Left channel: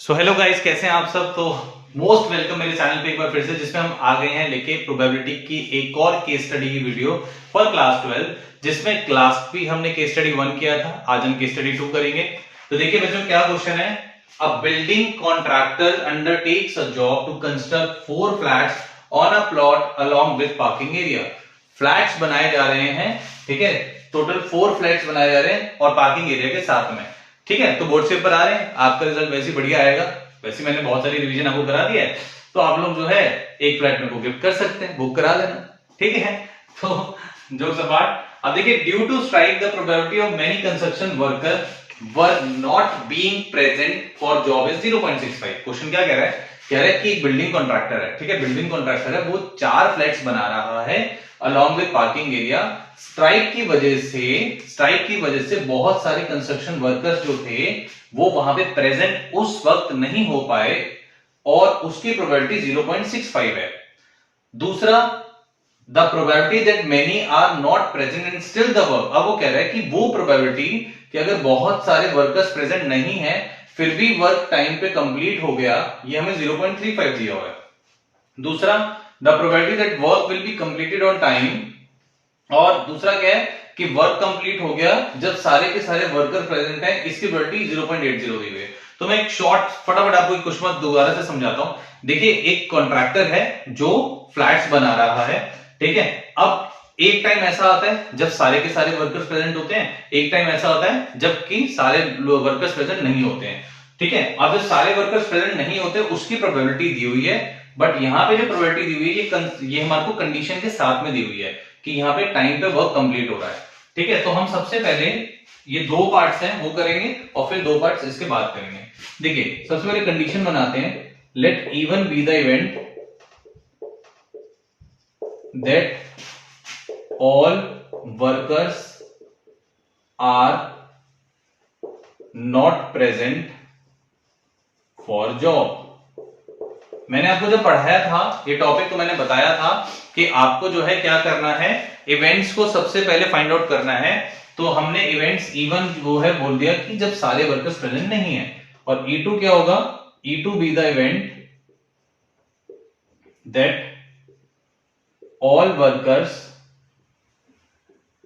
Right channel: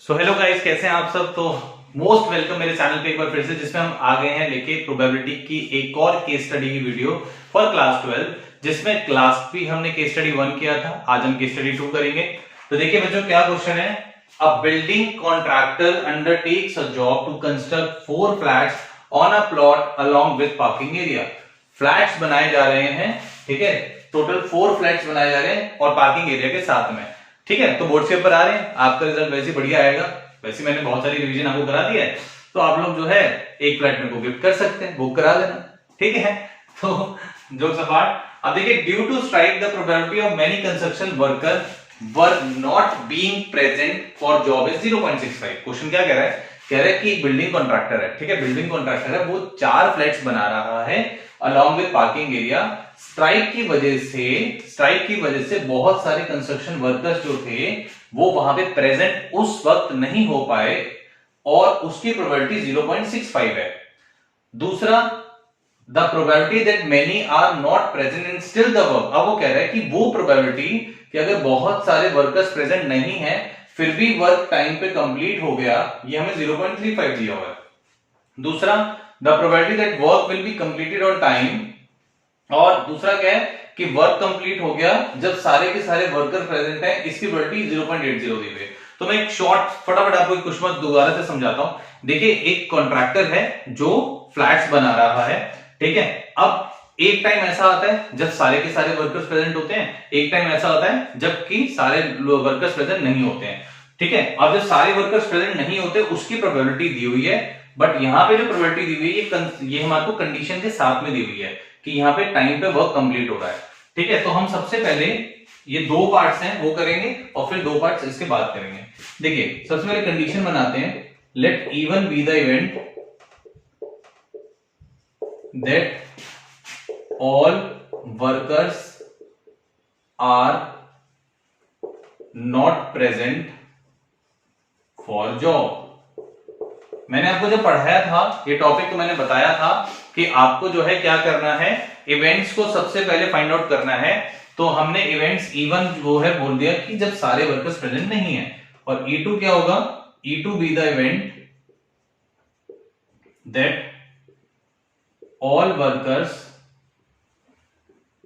Hello guys, कैसे हैं आप सब। तो मोस्ट वेलकम मेरे चैनल पे एक बार फिर से, जिसमें हम आ गए हैं लेके प्रोबेबिलिटी की एक और केस स्टडी की वीडियो फॉर क्लास 12, जिसमें क्लास भी हमने केस स्टडी 1 किया था। आज हम केस स्टडी 2 करेंगे। तो देखिए बच्चों, क्या क्वेश्चन है। A building contractor undertakes a job to construct 4 flats on a plot along with parking area. Flats बनाए जा रहे हैं, ठीक है। टोटल 4 फ्लैट्स बनाए जा रहे हैं और पार्किंग एरिया के साथ में, ठीक है। तो बोर्ड से ऊपर आ रहे हैं, आपका रिजल्ट वैसे बढ़िया आएगा। वैसे मैंने बहुत सारी रिवीजन आपको करा दी है, तो आप लोग जो है एक फ्लैट में को गिफ्ट कर सकते हैं, बुक करा लेना, ठीक है। तो जो सपाट, अब देखिए, due to strike the probability of many construction worker were not being present for job is 0.65। Question क्या कह रहा है, कह रहा है कि एक बिल्डिंग कॉन्ट्रैक्टर है, ठीक है, बिल्डिंग कॉन्ट्रैक्टर है, वो 4 फ्लैट्स बना रहा है along with parking area. Strike की वजह से बहुत सारे कंस्ट्रक्शन वर्कर्स जो थे वो वहां पे प्रेजेंट उस वक्त नहीं हो पाए और उसकी प्रोबेबिलिटी 0.65 है। दूसरा, the probability that many are not present in still the work. अब वो कह रहा है कि वो प्रोबेबिलिटी कि अगर बहुत सारे वर्कर्स प्रेजेंट नहीं है फिर भी वर्क टाइम पे कंप्लीट हो गया, ये हमें 0.35 दिया हुआ है। दूसरा, the probability that work will be completed on time, और दूसरा क्या है कि वर्क कंप्लीट हो गया जब सारे के सारे वर्कर प्रेजेंट हैं, इसकी प्रोबेबिलिटी 0.80 दी हुई है। तो मैं एक शॉर्ट फटाफट आपको एक क्वेश्चन दोबारा से समझाता हूं। देखिए, एक कॉन्ट्रैक्टर है जो फ्लैट्स बना रहा है, ठीक है। अब एक टाइम ऐसा आता है जब सारे के सारे वर्कर्स प्रेजेंट होते हैं, एक टाइम ऐसा होता है जबकि सारे वर्कर्स प्रेजेंट नहीं होते हैं, ठीक है। अब जब सारे वर्कर्स प्रेजेंट नहीं होते उसकी प्रोबेबिलिटी दी हुई है, बट यहां पे जो प्रोबेबिलिटी दी हुई है ये हमारे को कंडीशन के साथ में दी हुई है कि यहाँ पे टाइम पे वर्क कंप्लीट हो रहा है, ठीक है। तो हम सबसे पहले ये 2 पार्ट्स हैं वो करेंगे और फिर 2 पार्ट्स इसके बाद करेंगे। देखिए, सबसे पहले कंडीशन बनाते हैं, let E one be the event that all workers are not present for job. मैंने आपको जब पढ़ाया था ये टॉपिक, तो मैंने बताया था कि आपको जो है क्या करना है, इवेंट्स को सबसे पहले फाइंड आउट करना है। तो हमने इवेंट्स इवन वो है बोल दिया कि जब सारे वर्कर्स प्रेजेंट नहीं है, और E2 क्या होगा, E2 be the event that all workers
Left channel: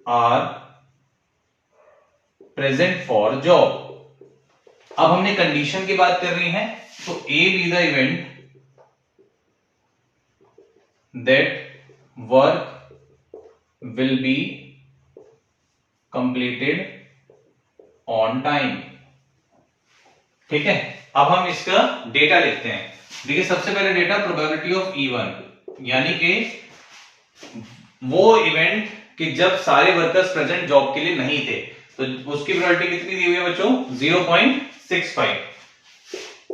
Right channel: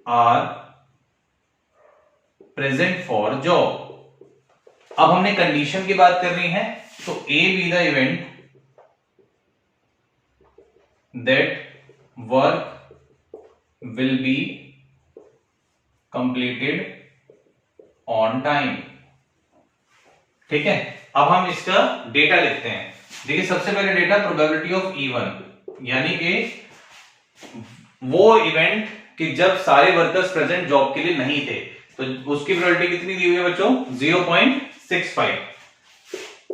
are present for job. अब हमने कंडीशन की बात करनी है, तो A be the event that work will be completed on time, ठीक है। अब हम इसका डेटा लिखते हैं। देखिए, सबसे पहले डेटा प्रोबेबिलिटी ऑफ E1, यानी कि वो इवेंट कि जब सारे वर्कर्स प्रेजेंट जॉब के लिए नहीं थे, तो उसकी प्रोबेबिलिटी कितनी दी हुई है बच्चों, 0.65।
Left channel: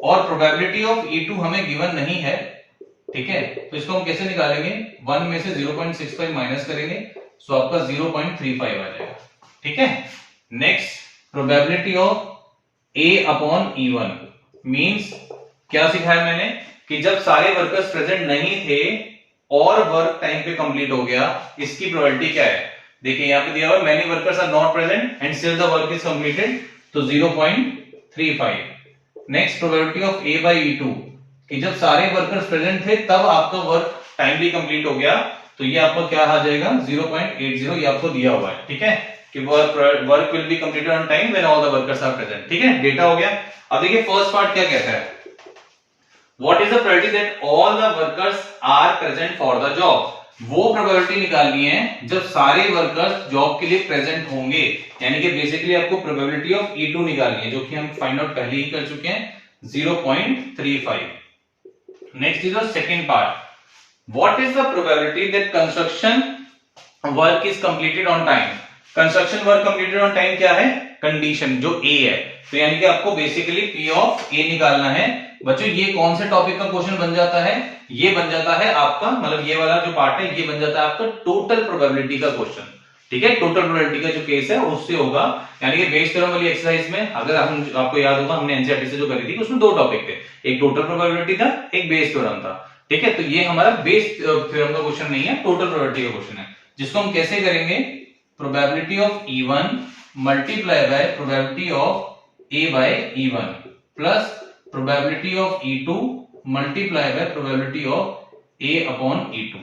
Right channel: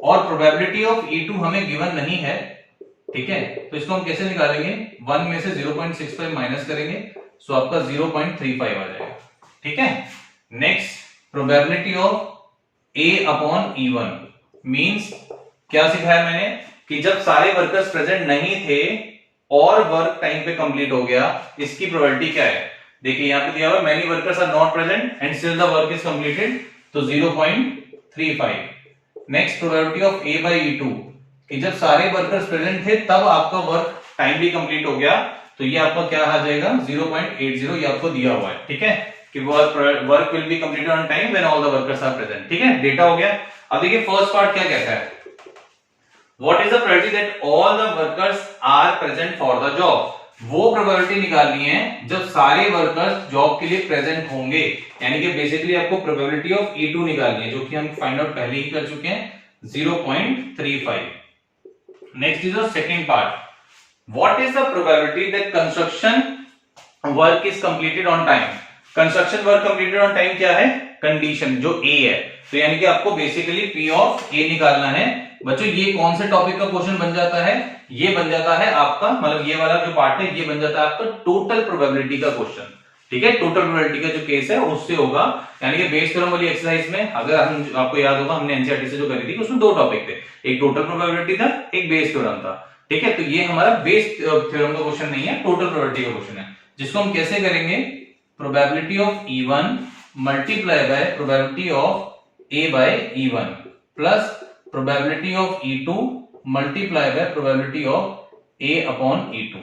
और प्रोबेबिलिटी ऑफ E2 हमें गिवन नहीं है, ठीक है। तो इसको हम कैसे निकालेंगे, 1 में से 0.65 माइनस करेंगे, सो आपका 0.35 आ जाएगा, ठीक है। Next, probability of A upon E1 means क्या सिखाया मैंने कि जब सारे वर्कर्स प्रेजेंट नहीं थे और वर्क टाइम पे कंप्लीट हो गया, इसकी प्रोबेबिलिटी क्या है। देखिए, यहां पे दिया हुआ many workers are not present and still the work is completed, तो 0.35। Next, probability of A by E2 कि जब सारे वर्कर्स प्रेजेंट थे तब आपका वर्क टाइमली कंप्लीट हो गया, तो ये आपका क्या आ जाएगा, 0.80, ये आपको दिया हुआ है, ठीक है, कि work will be completed on time when all the workers are present, ठीक है। डेटा हो गया। अब देखिए, फर्स्ट पार्ट क्या कहता है, what is the probability that all the workers are present for the job. वो प्रोबेबिलिटी निकालनी है जब सारे वर्कर्स जॉब के लिए प्रेजेंट होंगे, यानी कि बेसिकली आपको प्रोबेबिलिटी ऑफ E2 निकालनी है, जो कि हम फाइंड आउट पहले ही कर चुके हैं, 0.35। Next is the second part. What is the probability that construction work is completed on time? Construction work completed on time क्या है, कंडीशन जो A है, तो यानी कि आपको बेसिकली P ऑफ A निकालना है। बच्चों, ये कौन से टॉपिक का क्वेश्चन बन जाता है, ये बन जाता है आपका, मतलब ये वाला जो पार्ट है ये बन जाता है आपका टोटल प्रोबेबिलिटी का क्वेश्चन, ठीक है। टोटल प्रोबेबिलिटी का जो केस है उससे होगा, यानी कि बेस थ्योरम वाली एक्सरसाइज में अगर हम, आपको याद होगा हमने एनसीईआरटी से जो करी थी उसमें 2 टॉपिक थे, एक टोटल प्रोबेबिलिटी था, एक बेस थ्योरम था, ठीक है। तो ये हमारा बेस थ्योरम का क्वेश्चन नहीं है, टोटल प्रोबेबिलिटी का क्वेश्चन है, जिसको हम कैसे करेंगे, probability of E1 multiply by probability of A by E1 plus probability of E2 multiply by probability of A upon E2।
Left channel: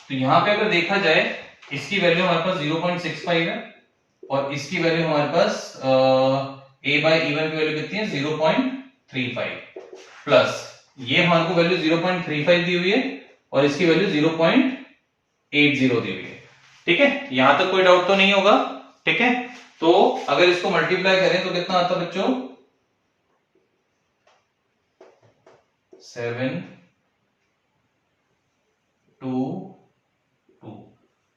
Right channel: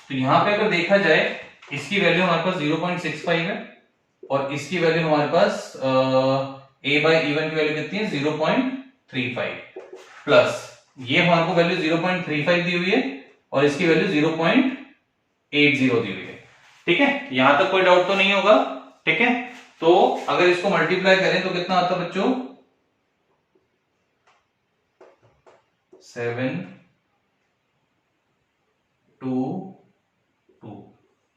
तो यहां पे अगर देखा जाए इसकी वैल्यू हमारे पास 0.65 है और इसकी वैल्यू हमारे पास A बाय E1 की वैल्यू कितनी है 0.35 प्लस ये हमारे को वैल्यू 0.35 दी हुई है और इसकी वैल्यू 0.80 दी हुई है। ठीक है, यहां तक कोई डाउट तो नहीं होगा। ठीक है, तो अगर इसको मल्टीप्लाई करें तो कितना आता है बच्चों 7 2 2,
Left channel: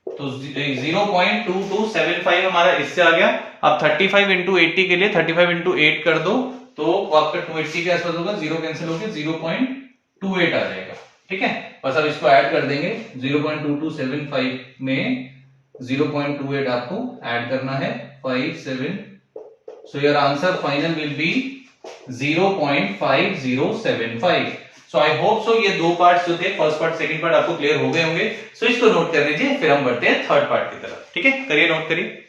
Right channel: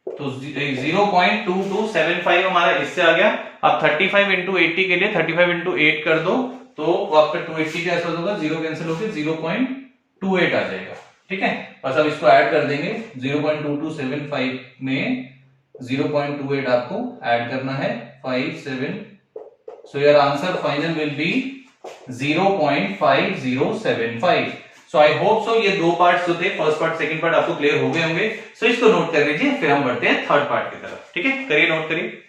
तो 0.2275 हमारा इससे आ गया। अब 35 इंटू 80 के लिए 35 इंटू 8 कर दो तो आपका 280 के आसपास होगा, जीरो कैंसिल होकर 0.28 आ जाएगा। ठीक है, बस अब इसको ऐड कर देंगे 0.2275 में 0.28 आपको ऐड करना है 5 7, so your answer final will be 0.5075। So I hope so ये दो पार्ट्स जो थे फर्स्ट पार्ट सेकंड पार्ट आपको क्लियर हो गए होंगे। सो इसको नोट कर लीजिए, फिर हम बढ़ते हैं थर्ड पार्ट की तरफ। ठीक है, करिए नोट करिए।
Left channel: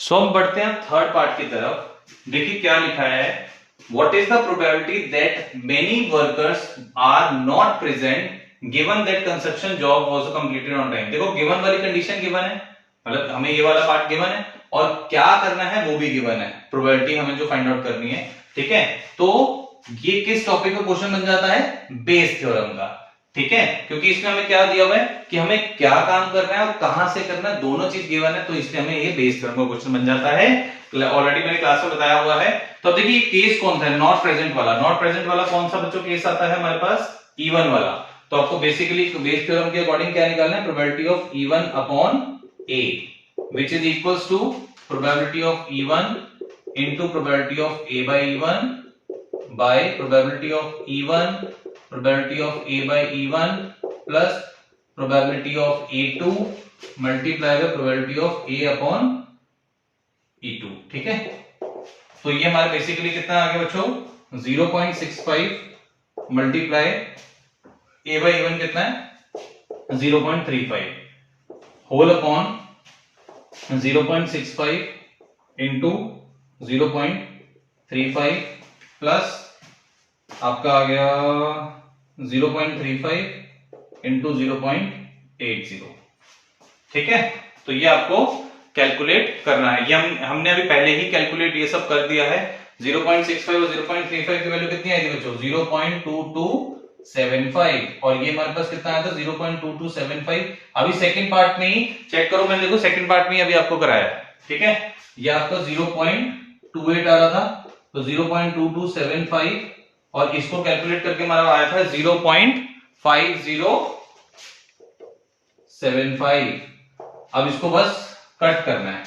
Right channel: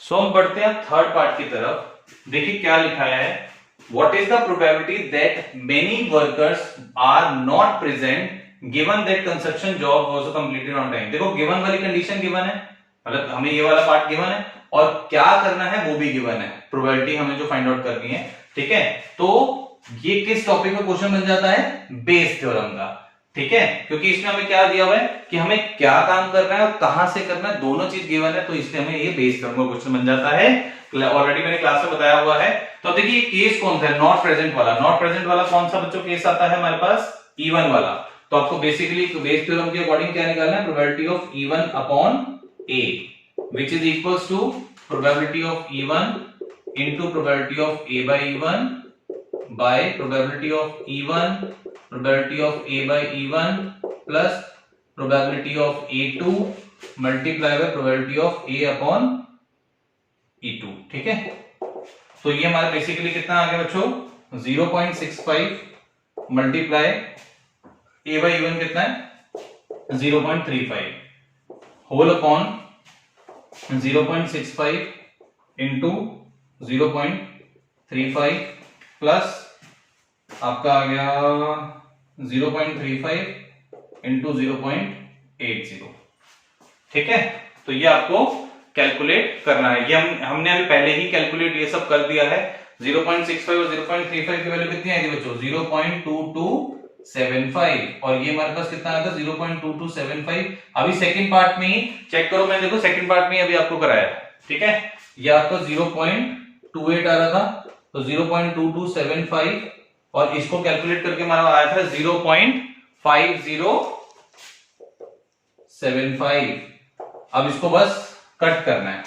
सो हम बढ़ते हैं थर्ड पार्ट की तरफ। देखिए क्या लिखा है, what is the probability that many workers are not present given that construction job was completed on time. देखो गिवन वाली कंडीशन गिवन है, मतलब हमें ये वाला पार्ट गिवन है और क्या करना है वो भी गिवन है, प्रोबेबिलिटी हमें जो फाइंड आउट करनी है। ठीक है, तो ये किस टॉपिक का क्वेश्चन बन जाता है, बेस थ्योरम का। ठीक है, क्योंकि इसमें हमें क्या दिया हुआ है कि हमें क्या काम करना है और कहां से करना है, दोनों चीज गिवन है, तो इसलिए हमें ये बेस थ्योरम का क्वेश्चन बन जाता है। ऑलरेडी मैंने क्लास में बताया हुआ है। तो देखिए केस कौन सा है, नॉट प्रेजेंट वाला। नॉट प्रेजेंट वाला कौन सा बच्चों केस आता है हमारे पास, E1 वाला। तो आपको बेसिकली बेस थ्योरम के अकॉर्डिंग क्या निकालना है, probability of E1 upon A which is equals to probability of E1 into probability of A by E1 by probability of E1 probability of A by E1 plus probability of A2 multiply by probability of A upon E2। ठीक है, तो ये हमारा basically कितना आ गया बच्चों 0.65 multiply A by E1 कितना है 0.35 होल अपॉन 0.65 इंटू 0.35 प्लस आपका आ गया 0.35 इंटू 0.80। ठीक है, तो ये आपको कैलकुलेट करना है। ये हमने अभी पहले ही कैलकुलेट ये सब कर दिया है। 0.65 और 0.35 की वैल्यू कितनी आएगी बच्चों 0.2275 और ये हमारे पास कितना आया था 0.2275। अभी सेकंड पार्ट में ही चेक करो, मैंने देखो सेकंड पार्ट में अभी आपको कराया। ठीक है, ये आपका 0.28 आ रहा था, तो 0.2275 और इसको कैलकुलेट करके हमारा आया था 0.5075। अब इसको बस कट करना है,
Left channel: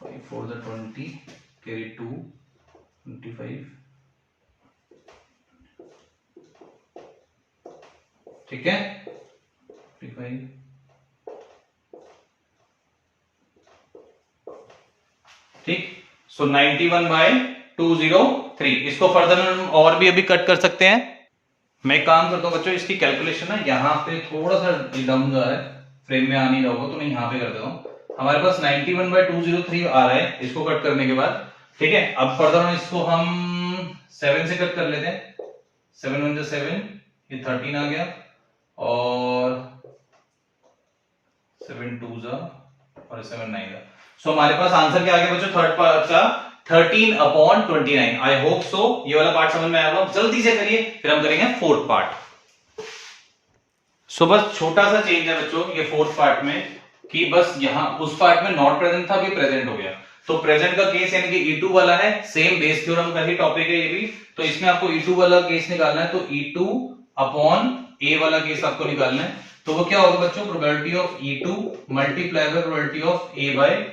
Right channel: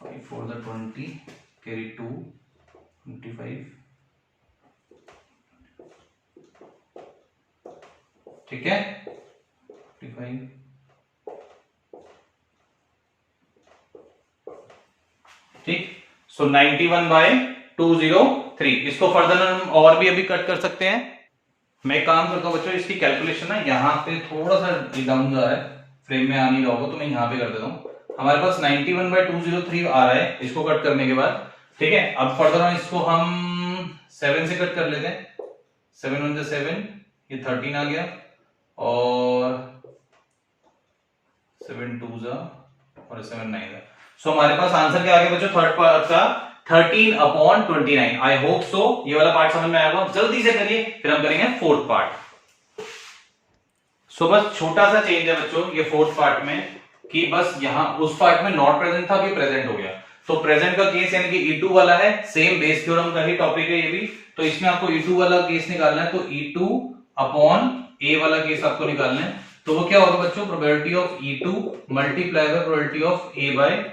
5 4 the 20 carry 2 25। ठीक है 25 ठीक। सो 91/203। इसको फर्दर हम और भी अभी कट कर सकते हैं। मैं काम करता हूं बच्चों, इसकी कैलकुलेशन है यहाँ पे थोड़ा सा डाउन जा रहा है, फ्रेम में आ नहीं रहा होगा तो मैं यहाँ पे कर देता हूँ। हमारे पास 91/203 आ रहा है इसको कट करने के बाद। ठीक है, अब फर्दर हम इसको 7 से कट कर लेते हैं। 7 1 7, ये 13 आ गया और 7 2 और 7 9। सो हमारे पास आंसर क्या आ गया बच्चों थर्ड पार्ट का 13/29। आई होप सो ये वाला पार्ट समझ में आया होगा। जल्दी से करिए, फिर हम करेंगे फोर्थ पार्ट। सो बस छोटा सा चेंज है बच्चों ये फोर्थ पार्ट में कि बस यहां उस पार्ट में नॉट प्रेजेंट था, अभी प्रेजेंट हो गया। तो प्रेजेंट का केस यानी कि E2 वाला है, सेम बेस थ्योरम का ही टॉपिक है ये भी। तो इसमें आपको E2 वाला केस निकालना है, तो E2 अपॉन A वाला केस आपको निकालना है। तो वो क्या होगा बच्चों probability of E2 multiply by probability of A by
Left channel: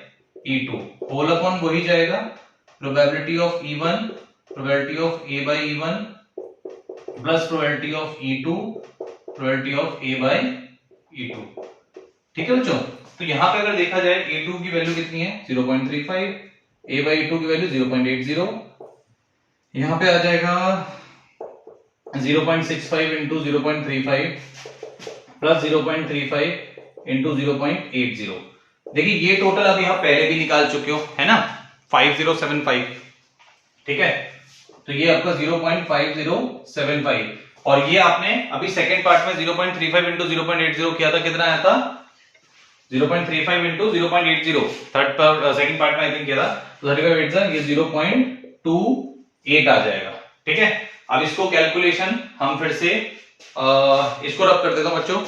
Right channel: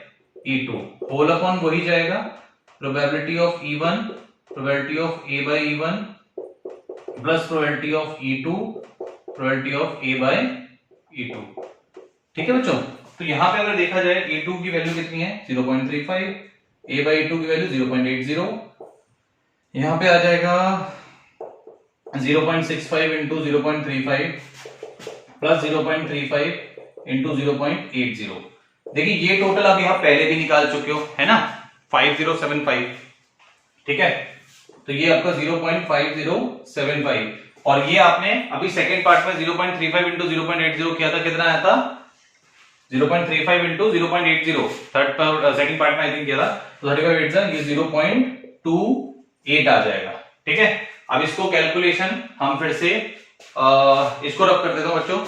E2 whole upon वही जाएगा probability of E1 probability of A by E1 plus probability of E2 probability of A by E2। ठीक है बच्चों, तो यहां पे अगर देखा जाए A2 की वैल्यू कितनी है 0.35, A बाय E2 की वैल्यू 0.80। यहां पे आ जाएगा 0.65 इंटू 0.35 प्लस 0.35 इंटू 0.80। देखिए ये टोटल अभी आप पहले भी निकाल चुके हो, है ना, 5075, ठीक है। तो ये आपका 0.5075, और ये आपने अभी सेकंड पार्ट में 0.35 इंटू 0.80 किया था, कितना आया था 0.35 इंटू 0.80, थर्ड सेकंड पार्ट में आई थिंक किया था, तो 35 ये 0.28 आ जाएगा, ठीक है। अब इसको कैलकुलेशन हम फिर से इसको रब कर देता हूं बच्चों।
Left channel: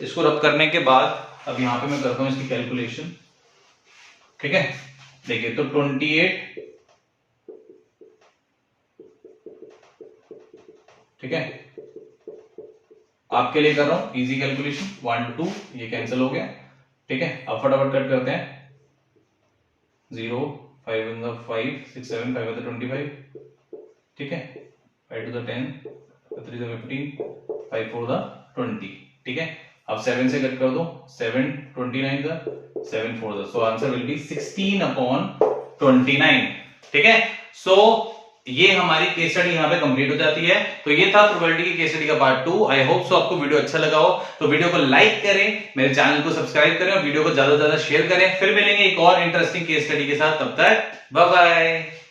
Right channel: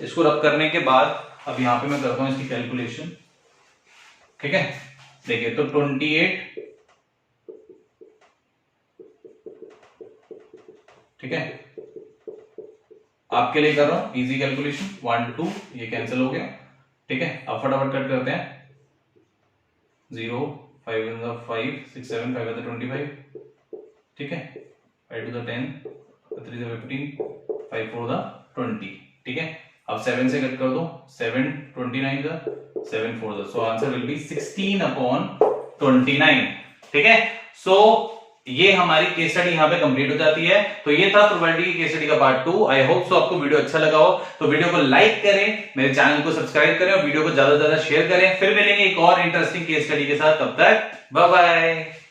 इसको रब करने के बाद अब यहां पे मैं करता हूं इसकी कैलकुलेशन, ठीक है। देखिए तो 28, ठीक है, आपके लिए कर रहा हूं इजी कैलकुलेशन, 1 2 ये कैंसिल हो गया, ठीक है। अब फटाफट कट करते हैं, 0 5 in the 5 6 7 5 the 25, ठीक है, 5 to the 10 3 the 15 5 4 the 20, ठीक है। अब 7 से कट कर दो, 7 29 the 7 4 the, so answer will be 16/29, ठीक है। सो ये हमारी केस स्टडी यहाँ पे कंप्लीट हो जाती है। तो ये था प्रोबेबिलिटी की केस स्टडी का पार्ट 2। आई होप सो आपको वीडियो अच्छा लगा हो, तो वीडियो को लाइक करें, मेरे चैनल को सब्सक्राइब करें और वीडियो को ज्यादा से ज्यादा शेयर करें। फिर मिलेंगे एक और इंटरेस्टिंग केस स्टडी के साथ, तब तक बाय बाय।